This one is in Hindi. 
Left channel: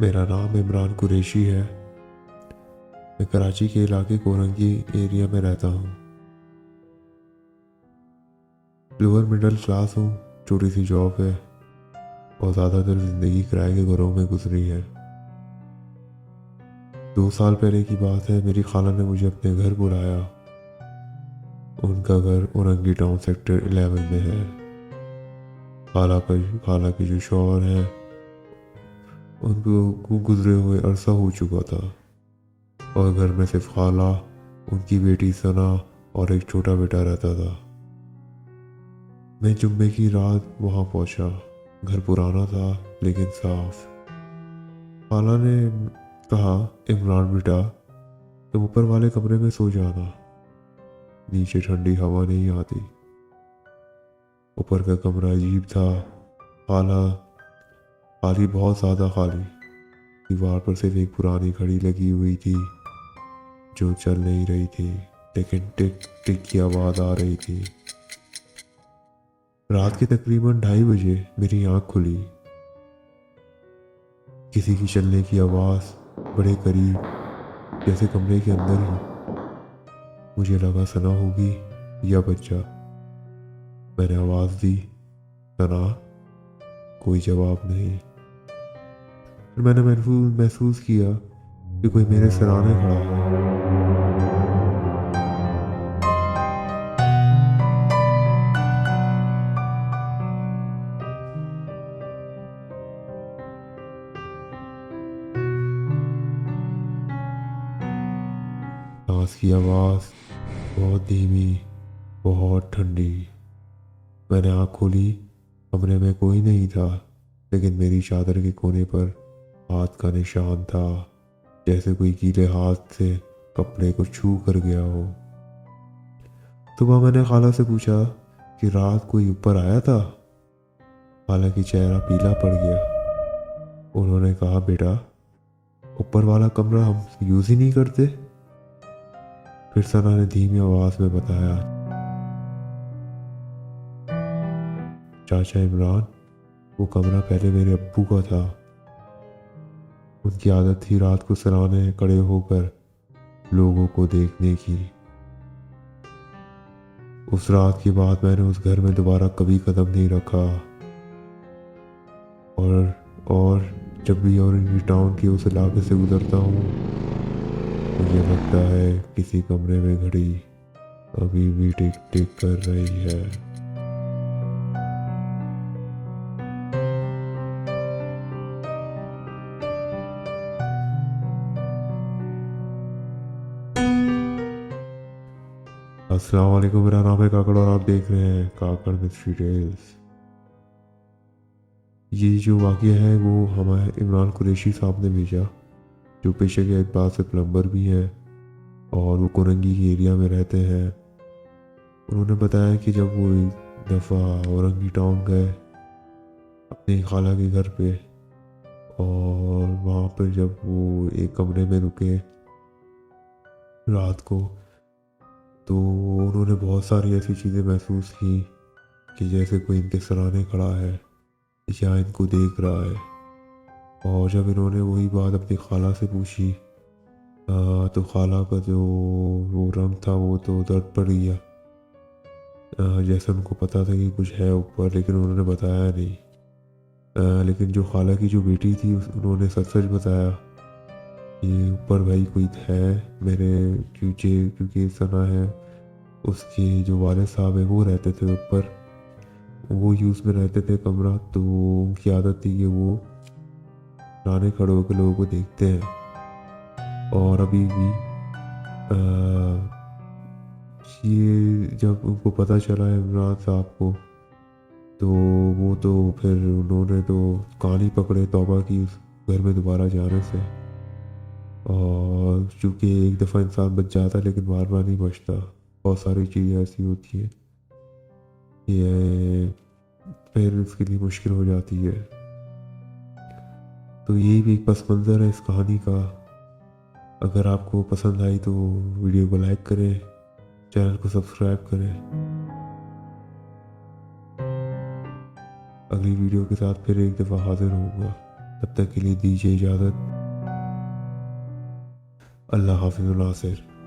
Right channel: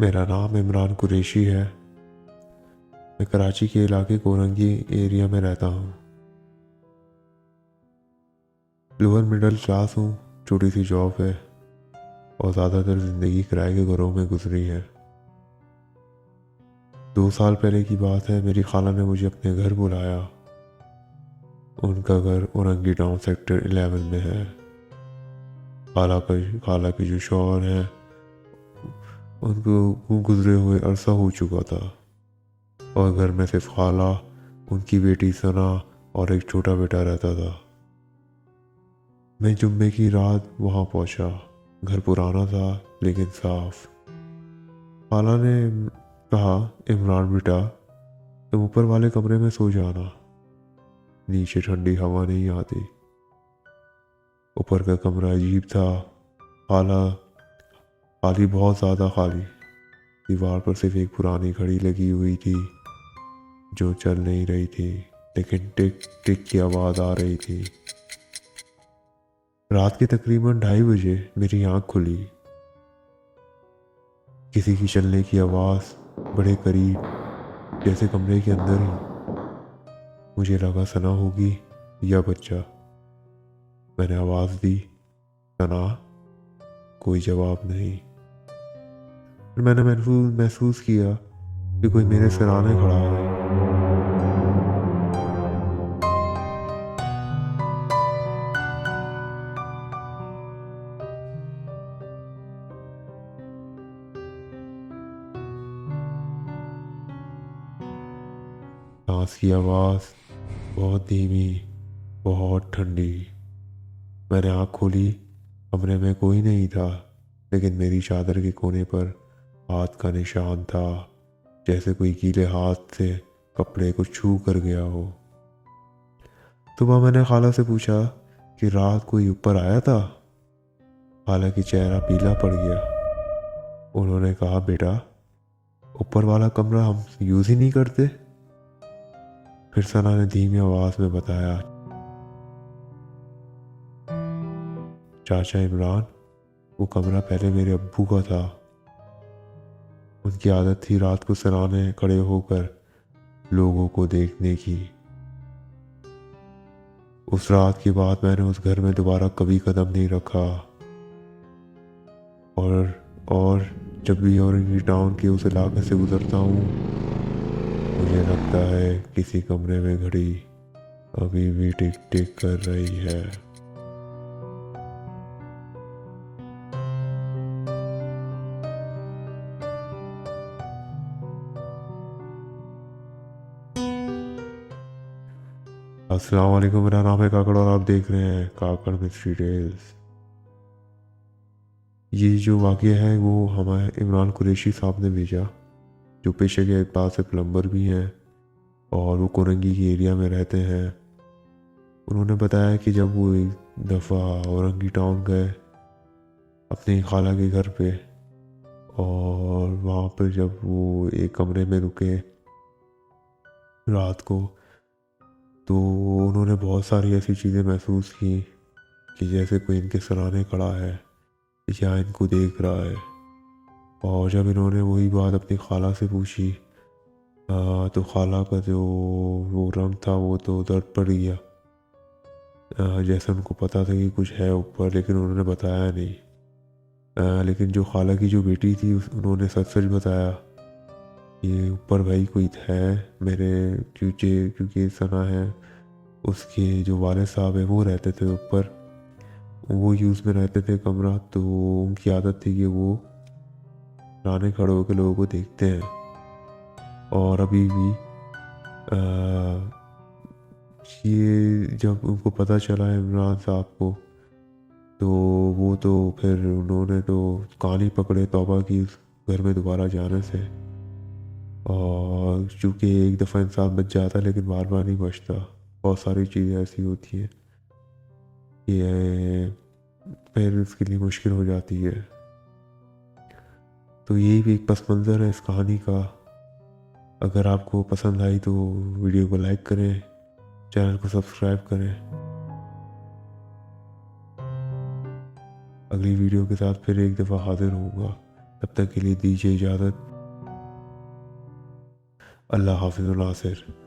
मेरा नाम इमरान कुरैशी है। मैं कराची के इलाके कोरंगी एरिया में रहता हूँ। लोअर मिडिल क्लास हूँ। छोटी सी जॉब है और ज़्यादातर ज़िंदगी किराए के घरों में गुजरी है। 2 साल पहले की बात है, मेरी खाला ने मुझे अपने घर बुलाया। उनका घर औरंगी टाउन सेक्टर 11 में है। खाला के जो शौहर है उनको गुजरे हुए अरसा हो चुका था और घर में सिर्फ खाला, उनकी बेटी सना और एक छोटा बेटा रहता था। मैं जुम्मे की रात वहाँ पहुँचा। घर पुराना था लेकिन साफ। खाला ने कहा, इमरान बेटा, तुम ऊपर वाले कमरे में सो जाना, नीचे ठंडी हवा नहीं आती। ऊपर का कमरा अजीब था। खाला खाली, बहुत ज़्यादा खाली। दीवार पर सिर्फ एक पुरानी घड़ी लगी हुई थी जो चल नहीं रही थी, लेकिन टिक टिक की आवाज़ आ रही थी। रात के तकरीबन 2:30 बजे मेरी आंख खुली। किसी की चलने की आवाज़ बड़े करीब, जैसे कमरे के अंदर ही। मुझे लगा सना होगी या बच्चा। मैंने आवाज़ दी, सना। कोई जवाब नहीं। फिर मैंने महसूस किया कि कोई मेरे सराहने खड़ा है। सांस की आवाज़ बहुत धीमी, बहुत ठंडी। मैंने आँख खोली। कमरे में कोई नहीं था, लेकिन मेरी चादर के कोने पर हाथ का निशान था, जैसे कोई गीले हाथ से कपड़े को छू कर गया हो। सुबह मैंने खाला से पूछा कि रात कोई ऊपर आया था। खाला की चेहरा पीला पड़ गया। उन्होंने कहा, बेटा, ऊपर वाला कमरा हम यूज़ ही नहीं करते। फिर सना ने धीमी आवाज़ में बताया, चाचा इमरान, वो कमरा पहले मेरे अब्बू का था। उनकी आदत थी रात को सराहने खड़े होकर लोगों को देखने की। उस रात के बाद मैंने उस घर में दोबारा कभी कदम नहीं रखा। और जब भी औरंगी टाउन की उस इलाके से गुजरता हूँ, मुझे लगता है किसी कमरे में घड़ी अभी भी टिक टिक कर रही है। अस्सलाम वालेकुम, मेरा नाम है काकड़ और आप देख रहे हैं काकड़ मिस्ट्री टेल्स। ये जो वाक़या है वो हमारे इमरान कुरैशी साहब ने भेजा, जो पेशे के पास से प्लम्बर भी हैं और वो कोरंगी की एरिया में रहते हैं। उन्होंने बताया कि जब वो एक दफ़ा औरंगी टाउन गए अपनी खाला के घर पे, और वहाँ पर जब वो एक कमरे में रुके रात को, तो उन्होंने बहुत सारी ऐसी चीज़ें महसूस की कि जैसे कोई इनके सराहने खड़ा है या इनको देख रहा है। और जब इन्होंने वही बात अपनी खाला से पूछी, तो खाला का जो वो रंग था वो तो उधर पड़ गया। जैसे उनको पता था कि कुछ है ऊपर, लेकिन उन्होंने बताया नहीं। लेकिन जो खाला की जो बेटी थी उन्होंने सच सच बताया, ये ऊपर भाई कोई है मेरे, क्योंकि सना है उसके जो वाले साहब है वो रहते थे ऊपर। वो यूज़ में रहते थे कमरा, तो उनकी आदत थी कि वो पुराने खड़े होकर लोगों को देखते हैं। और अभी भी ये जब उनको पता चला है इमरान साहब को, तो वो तो फिर उन्होंने तो कान ही पकड़े तौबा की उस घर में दोबारा जाने से। और चूँकि एक दफ़ा इंसान बच जाता है लेकिन बार बार नहीं बचता। बहुत सारी चीज़ें ऐसी होती हैं कि ये फिर उसके लिए मुश्किल हो जाती है। तो यही भी एक पस मंज़र है इस कहानी का। अगर आपको पसंद आई तो वीडियो को लाइक करें, चैनल को सब्सक्राइब करें। अगली वीडियो के साथ फिर एक दफ़ा हाजिर होऊंगा। तब तक के लिए दीजिए इजाज़त। अल्लाह हाफिज़ नासिर।